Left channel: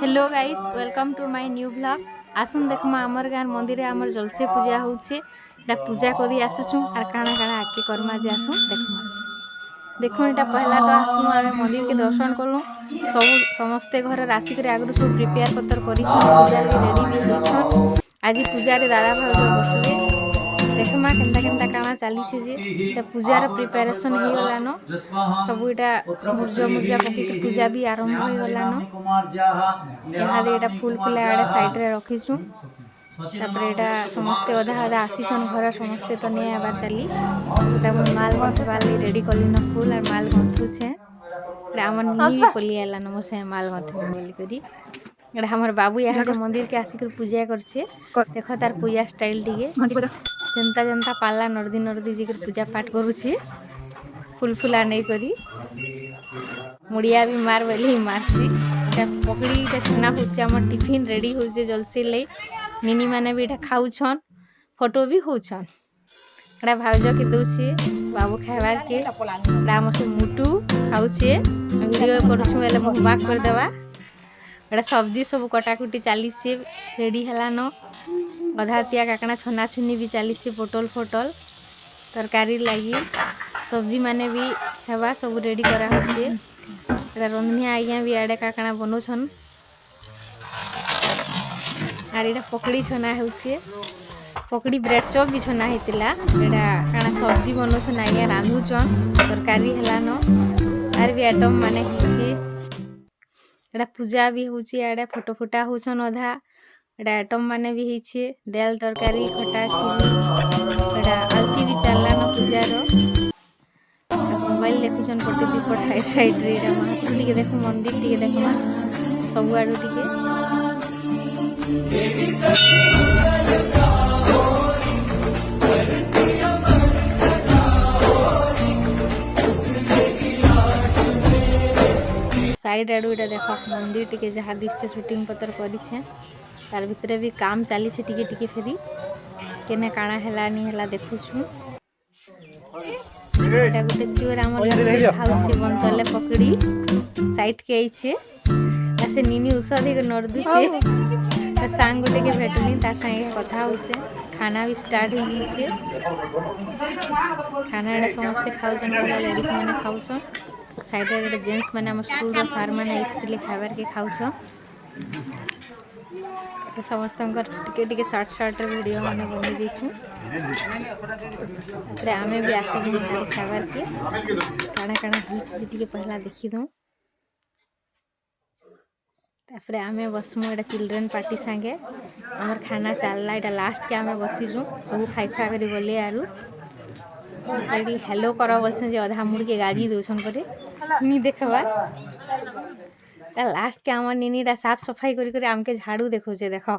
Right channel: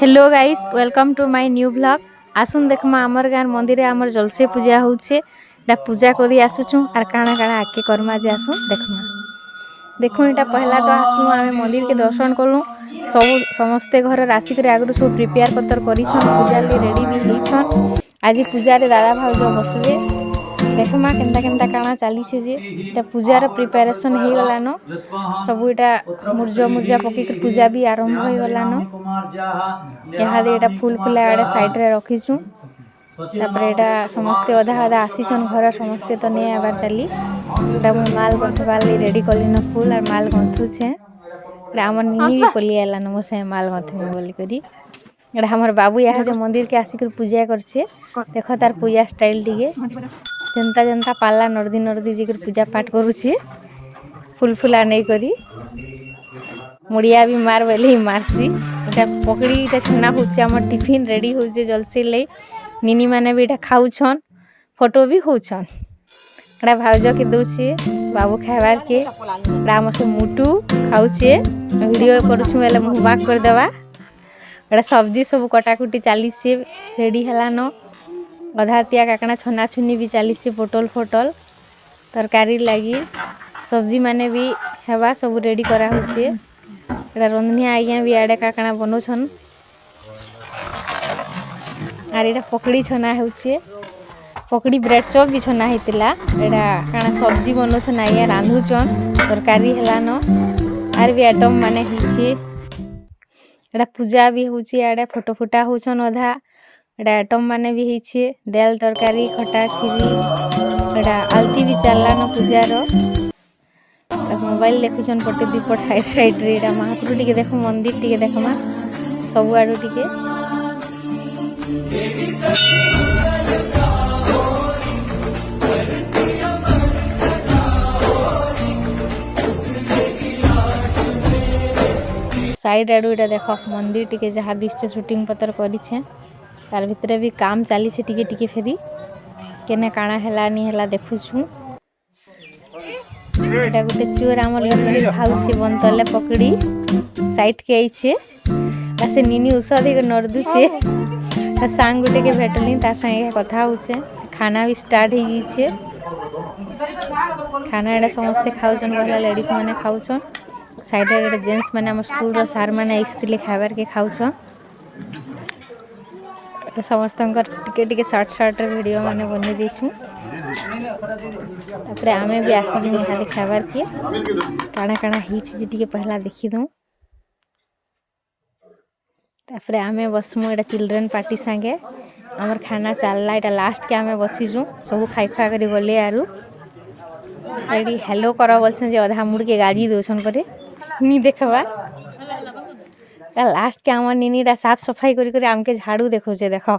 Hello guys welcome to my new blog. आसुन देखमा आमर गाँव मंदिर आमर जलसे पूजा होउछे। एटा पूजा करी आसुछु आर काना काना आके करमा जे आसु देखमा। देखो एटा पहला तो आसनु आमे मंदिर के दर्शन करू। सब समस्ते घर राशि करे आगु सब प्रिपेयर पत्तर करिछन पूजा के रेडी भी होइछन। आज पूजा रे दादा भाउजो बसबे देखमा केनता केनता काना चलीछे जे एटा पूजा रे प्रिपरेशन हे गलानो सब एटा मुर्जा पकी के पूजा भी आरंभ हो गलानो। यहाँ एटा फूल फुला आड़े साइड रे रखिछु तापरे एटा समस्ते अधा आधा आसीछन घर समस्ते तो नै आबार ताली एटा माल गंथबार ले रेडी कलिनो फूल और माल गंथु छे एटा हमर निनी भी पली आलानो मोर से माल गंथु बोली करी एटा हमर बाबू यहाँ के मंदिर के आसी कर पूजा करछे। देखो तार पूजा स्टाइल दिगे जनता जनता पाला नर्दी नर्दी जी पूजा पाठ करुछे फूल फुला नहीं करी मुड़िया भी मार बेले मारसी एटा पकड़ी एटा छना होचे हमर टिफिन रेडी होचे जलसे ले निनी माने भी एटा खाउछन फोटो भी होछन एटा भाउज के दोछे बाबू खाइबार के राम से मुटु खाउछे वीडियो करूछु एले मुहबाक कर देबा एटा सब्जी सब कटाकुटी चालीसे रेडी हलानो अधातिया काकना छना छुनी भी चालीसे पोटल फोटल तरकारी लगी सब्जी माने भी हेबा सब रेडी करा होचे एटा रंधनिया आज्ञा भी आड़े काकना बनोछन आर एटा पकड़ी छना होचे पकड़ी ब्रेड चॉप भी छना हेतिला एटा काना सब्जी बनोछन आज्ञा रांधुछन तरकारी हेलानो आर भी आइटम माने हिचे एटा पूजा भी होची आड़े फोटो फुटा होछन अधा एटा आइटम माने भी हिचे दाल तरकारी खटा खीरी एटा आलती भी चललानो पूजा रो मोबाइल देखुछन पटे दीपट साइड साइड रे एटा महापुर टिके देखो मंदिर टिके देखो सब आडू टिके साइड आडू एटा देखो मंदिर टिके जहाँ दिसছে शूटिंग पत्तर करिछे तार भितरे भी काम चली छे टिके टिके फेरी केने काना हेला नी हेला देखुछु एटा गुटे चोर हमर लकड़ी खाउछे बनतले पकड़ी साइड के आइछे से निनी उषादी के नरदु छे सांग गुटे के भेटली तार संगे कथा होछे खाना भी स्टार्ट हो गई छे खाना एटा समस्त खाउछन वाला लेडीज माने खाउछन साइड रे जेंट्स माने हमर स्कूल रो सर माने आइसतिले खाइबार के खाउछन समस्त टिके टिके शॉर्ट शॉर्ट वीडियो माने बने देछु तापरे आमे भी आसी जे खाली खाइबार के काना काना हिच जे टिके पहला देखि दो तापरे आमे बसमु एटा चिल्ड्रन पार्टी संगे हमर खाना चलला एटा लास्ट के आमे बसिजु सब खाइ खा करी गले आरु रेडी हेलो करो बोलछन जे आधा मुड़ के गाड़ी दोछन परे नी देखबा लास्ट के हमर निनीरा साफ सफाई करी करी आमके झाड़ू देखो छे देखो